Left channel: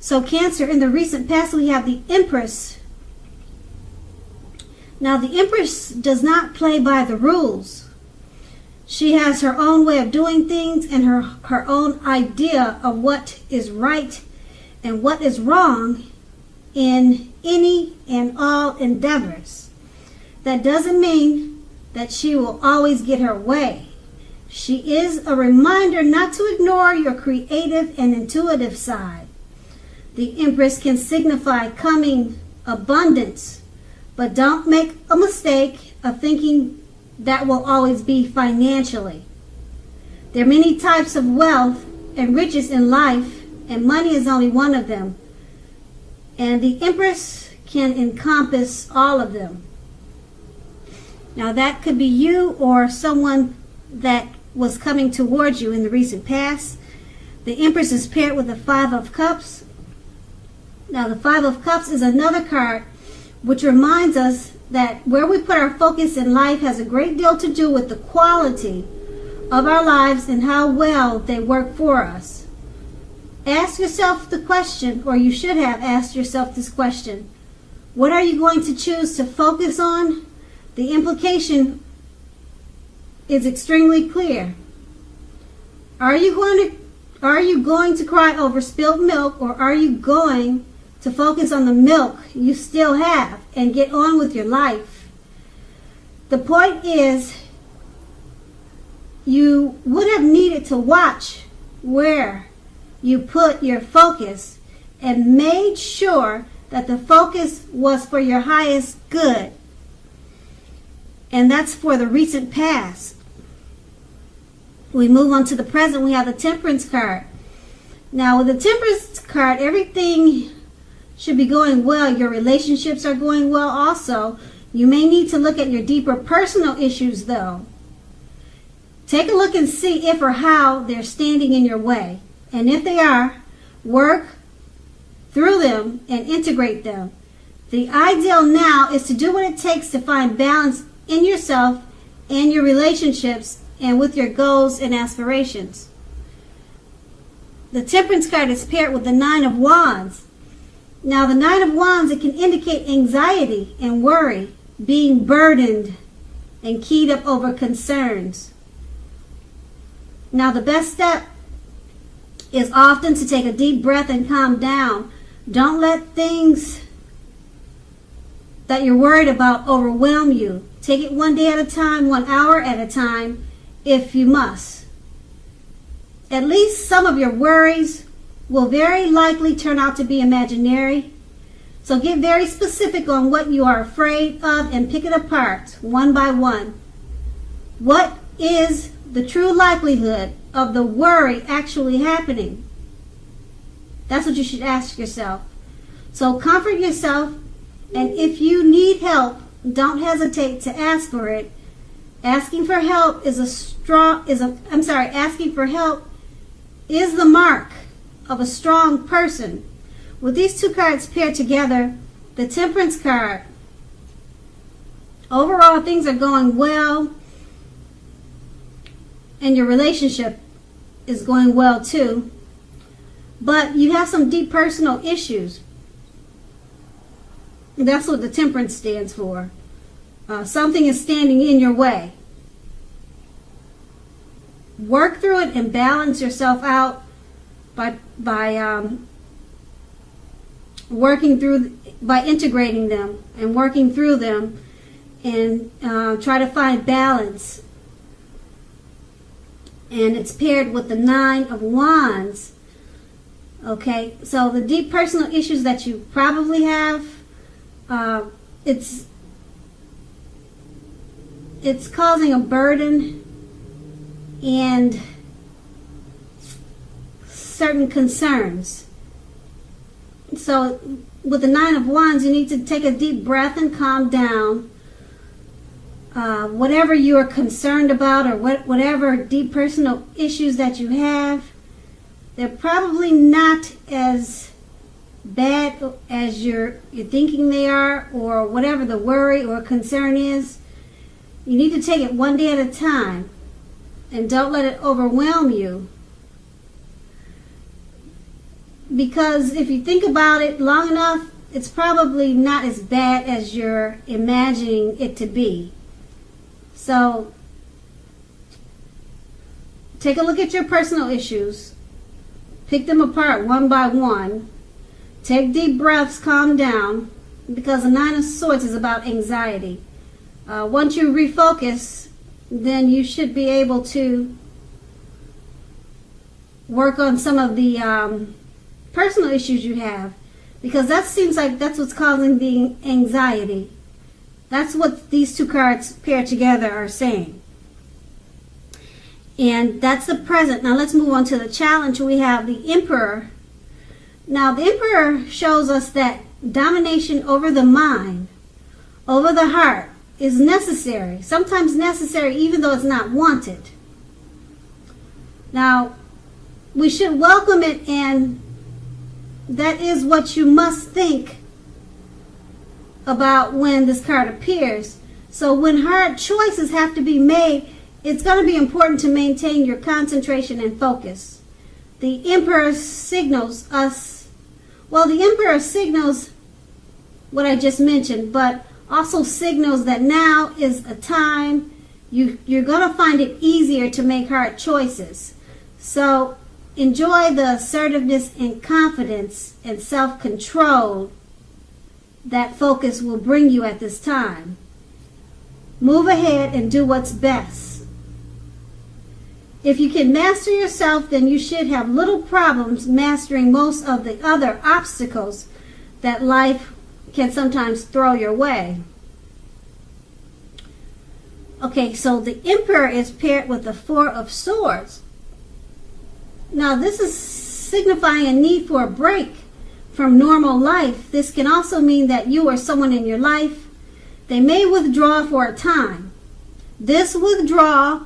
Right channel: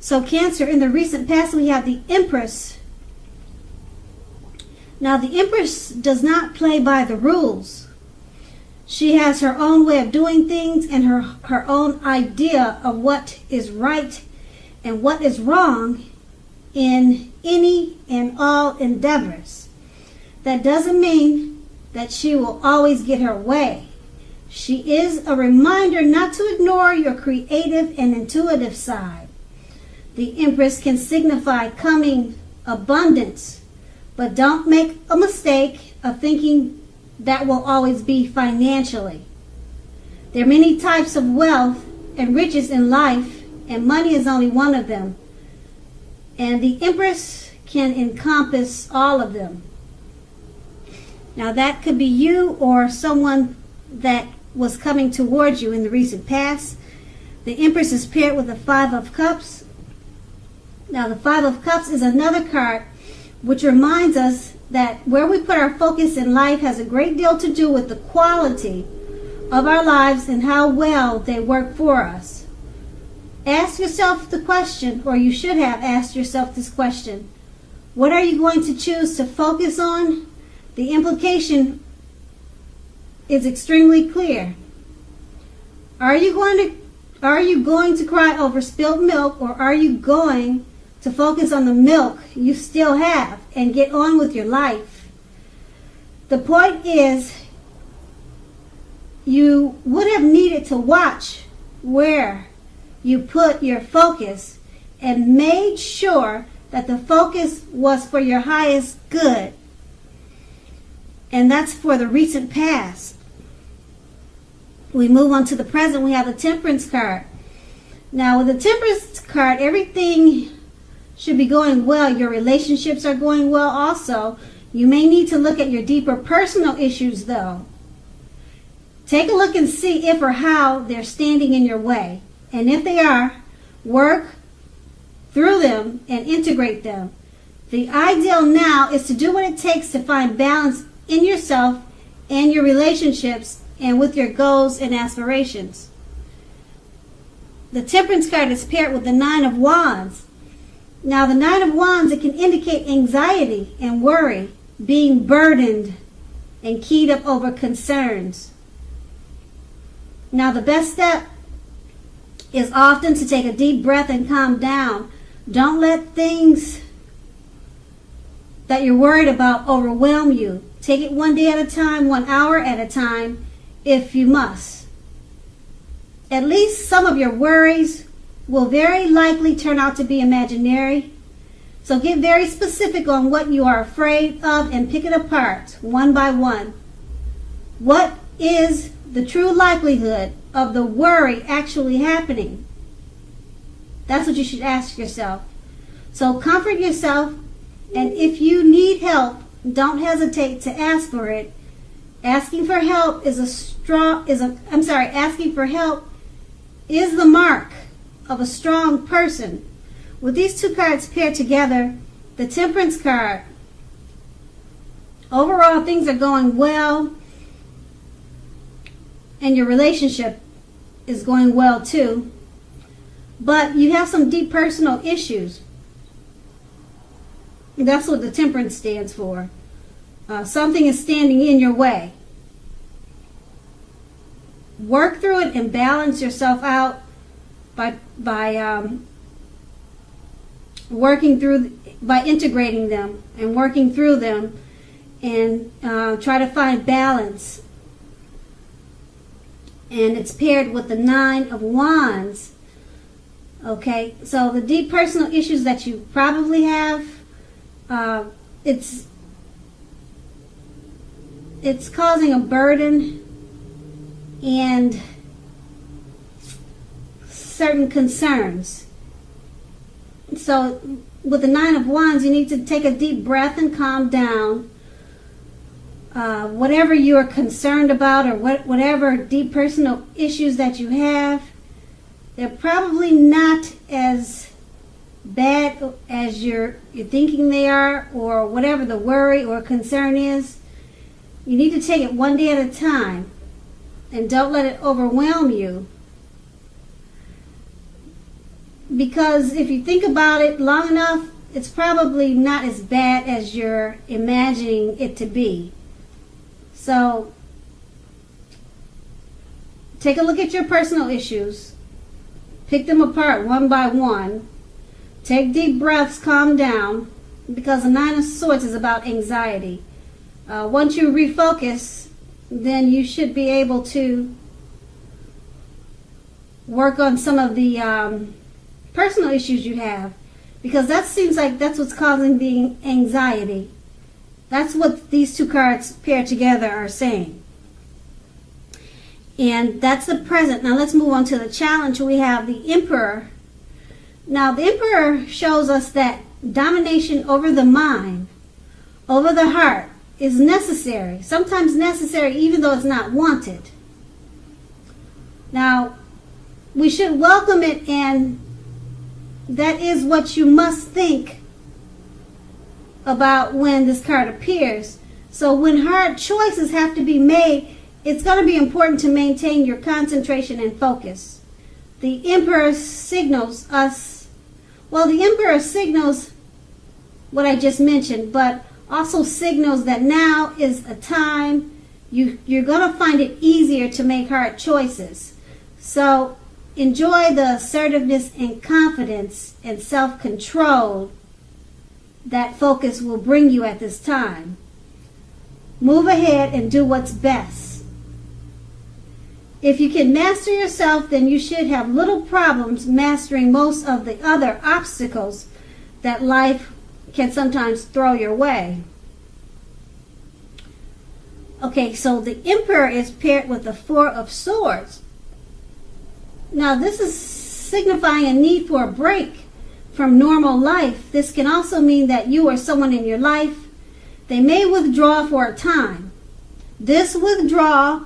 So Cancer, in the recent past, we have the Empress. Now, the Empress does not play by the rules. She has her own way of doing things and her own idea of what is right and what is wrong in any and all endeavors. That doesn't mean that she will always get her way. She is a reminder not to ignore your creative and intuitive side. The Empress can signify coming abundance, but don't make a mistake of thinking that will always be financially. There are many types of wealth and riches in life, and money is only one of them. And the Empress can encompass all of them. Now that could be you or someone that was coming towards you in the recent past. The Empress is paired with the Five of Cups. Now the Five of Cups is another card which reminds us that where we put our focus in life has a great deal to do with the quality of our lives and how well they work for us. Ask yourself the question, or you should have asked yourself this question: what are you going to choose to focus on? The implication is extremely clear. Are you going to cry over spilled milk, or are you going to focus on the milk you still have and get on with your life? The point is, you would have needed to watch where you put your focus and made sure that the focus was for your highest good. And that's for the recent past. We move on to the present. We have the Temperance card. Now, with the Temperance card, everything should be going well. Your relationships are going well also. You may need to look at your deeper personal issues, though. Take a look and see if or how they're standing in your way. And if they are, work through them and integrate them. The ideal now is to do what it takes to find balance in yourself and your relationships and with your goals and aspirations. The Temperance card is paired with the Nine of Wands. Now, the Nine of Wands, it can indicate anxiety and worry, being burdened and keyed up over concerns. Now, the best step is often to take a deep breath and calm down. Don't let things that you're worried about overwhelm you. Take it one day at a time, 1 hour at a time, if you must. At least some of your worries will very likely turn out to be imaginary. So get very specific on what you are afraid of and pick it apart one by one. What is the true likelihood of the worry actually happening? That's what you should ask yourself. So comfort yourself, and if you need help, don't hesitate to ask for it. Asking for help asking for help is the mark of a strong person. With these two cards paired together, the Temperance card, overall things are going well, and your relationship is going well too. But you have some deep personal issues. That's what the Temperance stands for. Something is standing in your way. Work through it and balance yourself out by integrating them and working through them, and try to find balance. And it's paired with the Nine of Wands. Okay, so the deep personal issues that you probably have, it's causing a burden and certain concerns. So with the Nine of Wands, you need to take a deep breath and calm down. Whatever you are concerned about, or whatever deep personal issues that you have, they're probably not as bad as you're thinking they are, or whatever the worry or concern is. You need to take it one day at a time, and don't let it overwhelm you. because if you think about it long enough, it's probably not as bad as you're imagining it to be. So take a look at your personal issues. Pick them apart one by one. Take deep breaths, calm down, because the Nine of Swords is about anxiety. Once you refocus, then you should be able to work on some of the personal issues you have, because that seems like that's what's causing the anxiety. That's what these two cards paired together are saying. And that's the present. Now let's move on to the challenge. We have the Emperor. Now the Emperor shows us that domination over the mind, over the heart, is necessary. Sometimes necessary even though it's not wanted. Now, we should welcome it, and that is what you must think about when this card appears. So when hard choices have to be made, it's going to be important to maintain your concentration and focus. The Emperor signals us, well, the Emperor signals what I just mentioned, but also signals that now is the time you're going to find it easier to make hard choices. So enjoy the assertiveness and confidence and self-control that focus will bring you at this time. Move ahead and do what's best. If you can master yourself, then you should have little problems mastering most of the other obstacles that life can sometimes throw your way. Okay, so the Emperor is paired with the Four of Swords. Now, this is signifying a need for a break from normal life. This can also mean that you or someone in your life, they may withdraw for a time. This withdrawal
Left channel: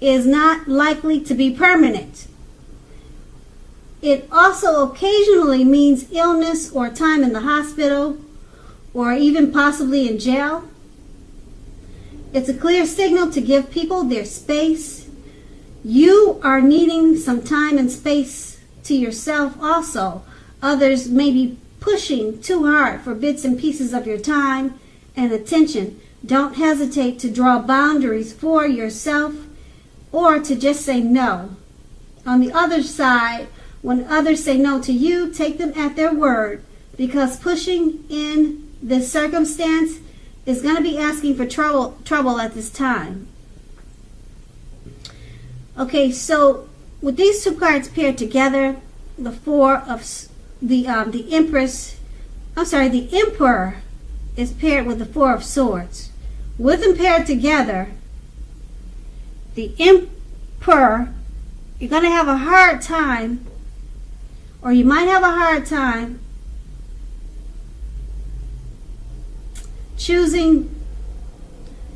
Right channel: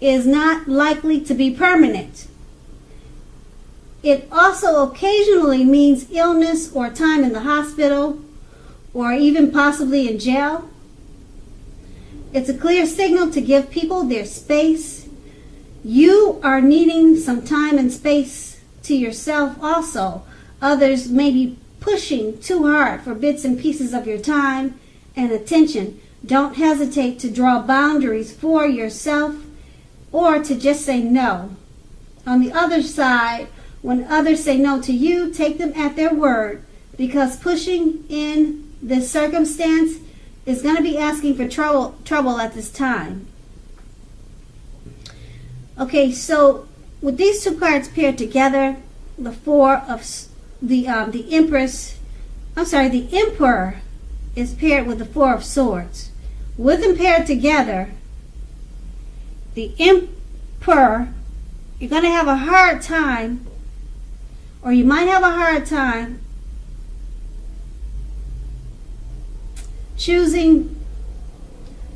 is not likely to be permanent. It also occasionally means illness or time in the hospital or even possibly in jail. It's a clear signal to give people their space. You are needing some time and space to yourself also. Others may be pushing too hard for bits and pieces of your time and attention. Don't hesitate to draw boundaries for yourself or to just say no. On the other side, when others say no to you, take them at their word, because pushing in this circumstance is going to be asking for trouble at this time. Okay, so with these two cards paired together, the Emperor is paired with the Four of Swords. With them paired together, the Emperor, you're going to have a hard time, or you might have a hard time choosing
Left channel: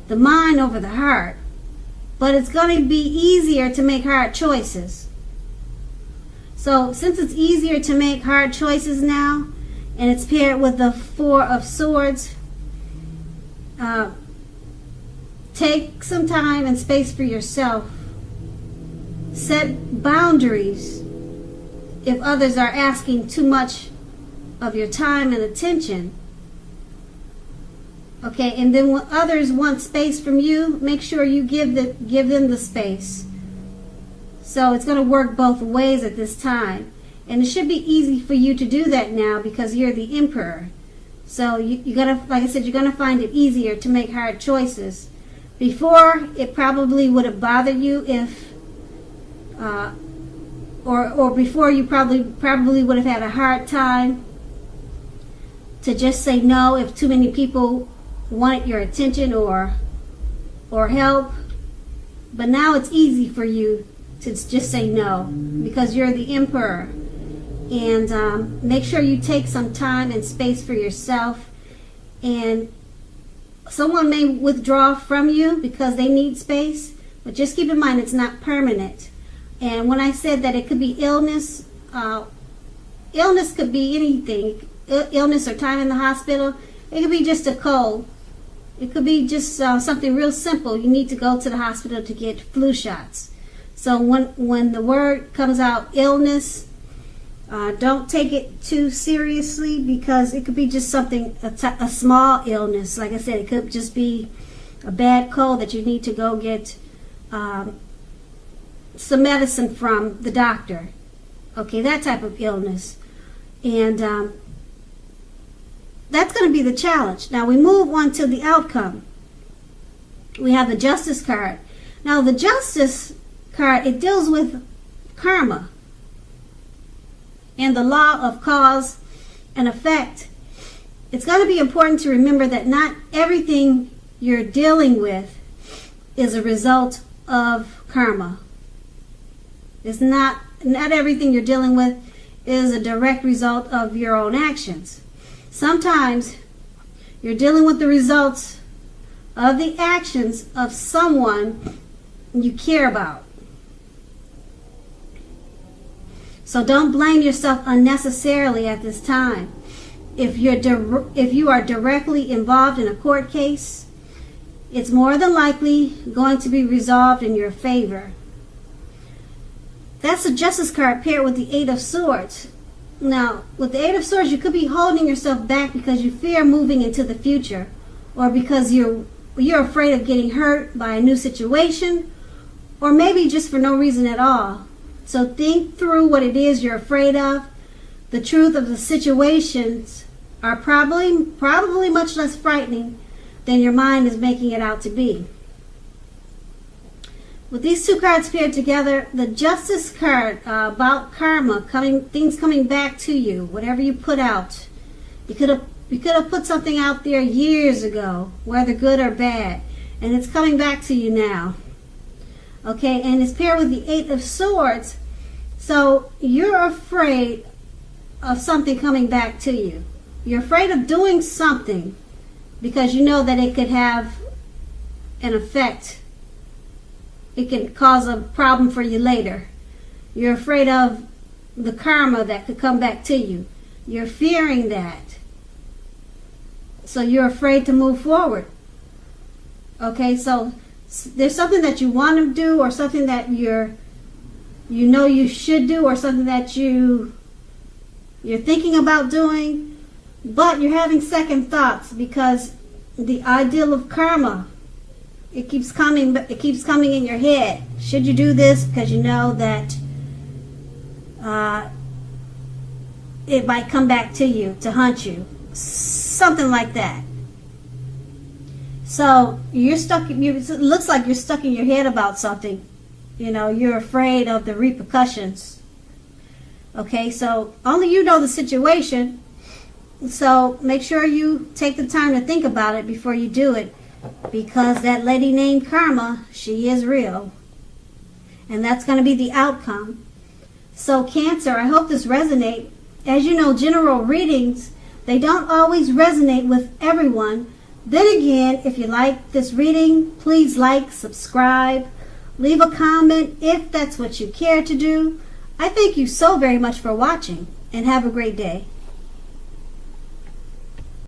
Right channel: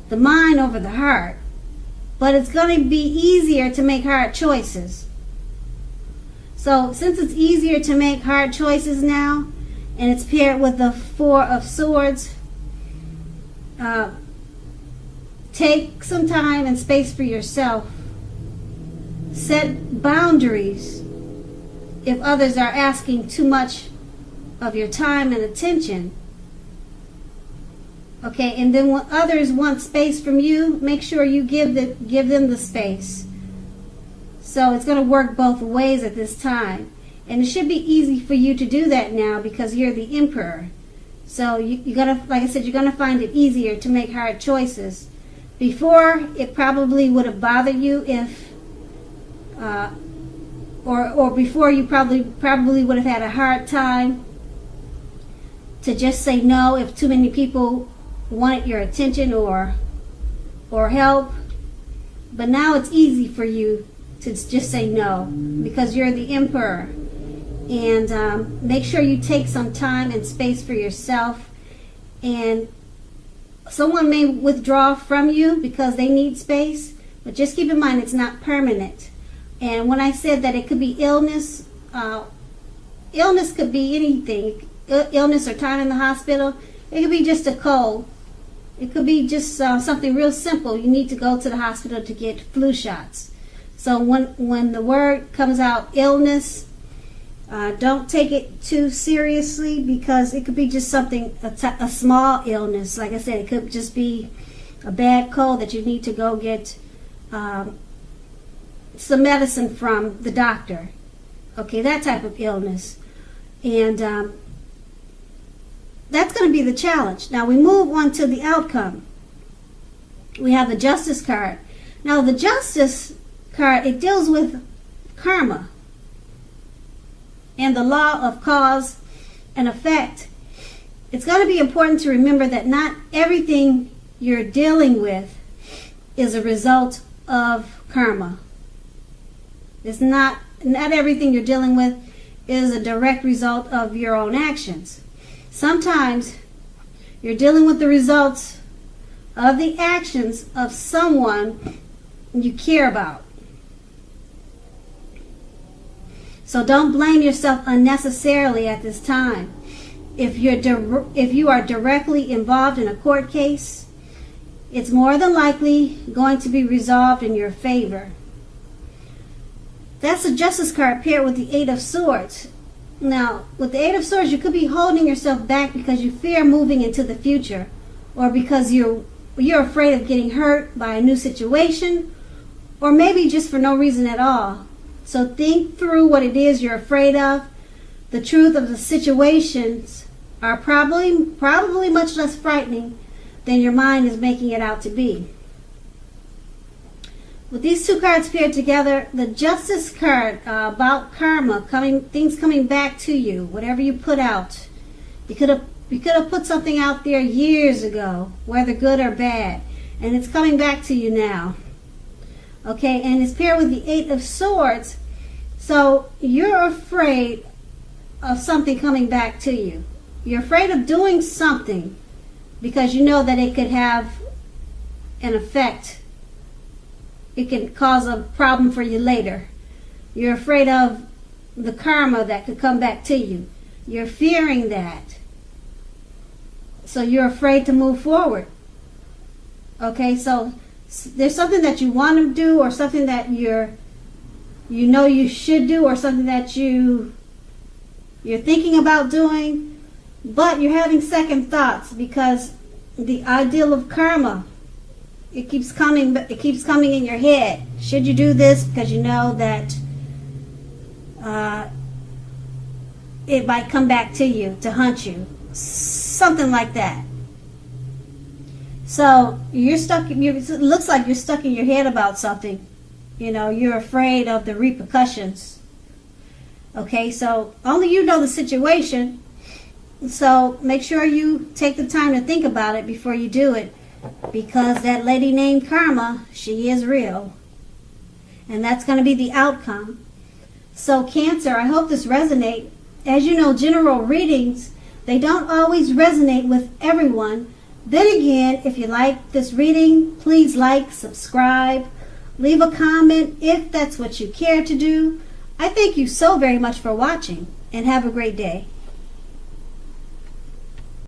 the mind over the heart, but it's going to be easier to make hard choices. So since it's easier to make hard choices now, and it's paired with the Four of Swords, take some time and space for yourself. Set boundaries if others are asking too much of your time and attention. Okay, and then when others want space from you, make sure you give them the space. So it's going to work both ways at this time. And it should be easy for you to do that now because you're the Emperor. So you're going to, like I said, you're going to find it easier to make hard choices. Before, it probably would have bothered you if, or before you probably would have had a hard time to just say no if too many people want your attention or help. But now it's easy for you to just say no because you're the Emperor. And make sure you take some time and space for yourself. And someone may withdraw from you because they need space, but just keep in mind it's not permanent. And when I said that it could be illness, illness could be anything. Illness or time in the hospital. It could be just a cold. It could be just something real simple. You need to go to the hospital to get flu shots. So when the word comes out illness, Don't take it too seriously, because it could be just something, a small illness. Like I said, it could just be a bad cold that you need to go get some medicine from the doctor. Okay, that type of illness. And that's going to be the challenge. Now we move on to the outcome. We have the Justice card. Now the Justice card, it deals with karma and the law of cause and effect. It's going to be important to remember that not everything you're dealing with is a result of karma. It's not everything you're dealing with is a direct result of your own actions. Sometimes you're dealing with the results of the actions of someone you care about. So don't blame yourself unnecessarily at this time. If you are directly involved in a court case, it's more than likely going to be resolved in your favor. That's the Justice card paired with the Eight of Swords. Now, with the Eight of Swords, you could be holding yourself back because you fear moving into the future, or because you're afraid of getting hurt by a new situation, or maybe just for no reason at all. So think through what it is you're afraid of. The truth of the situations are probably much less frightening than your mind is making it out to be. With these two cards paired together, the Justice card about karma, things coming back to you, whatever you put out. You could have put something out there years ago, whether good or bad, and it's coming back to you now. Okay, and it's paired with the Eight of Swords. So you're afraid of something coming back to you. You're afraid of doing something because you know that it could have an effect. It could cause a problem for you later. You're afraid of the karma that could come back to you. You're fearing that. So you're afraid to move forward. Okay, so there's something that you want to do, or something that you know you should do, or something that you're thinking about doing, but you're having second thoughts because the ideal of karma, it keeps coming in your head. Should you do this? Because you know that it might come back to you to haunt you. Something like that. So you're stuck. It looks like you're stuck in your head about something. You know, you're afraid of the repercussions. Okay, so only you know the situation. So make sure you take the time to think about it before you do it, because that lady named Karma, she is real. And that's going to be the outcome. So Cancer, I hope this resonates. As you know, general readings, they don't always resonate with everyone. Then again, if you like this reading, please like, subscribe, leave a comment if that's what you care to do. I thank you so very much for watching, and have a great day.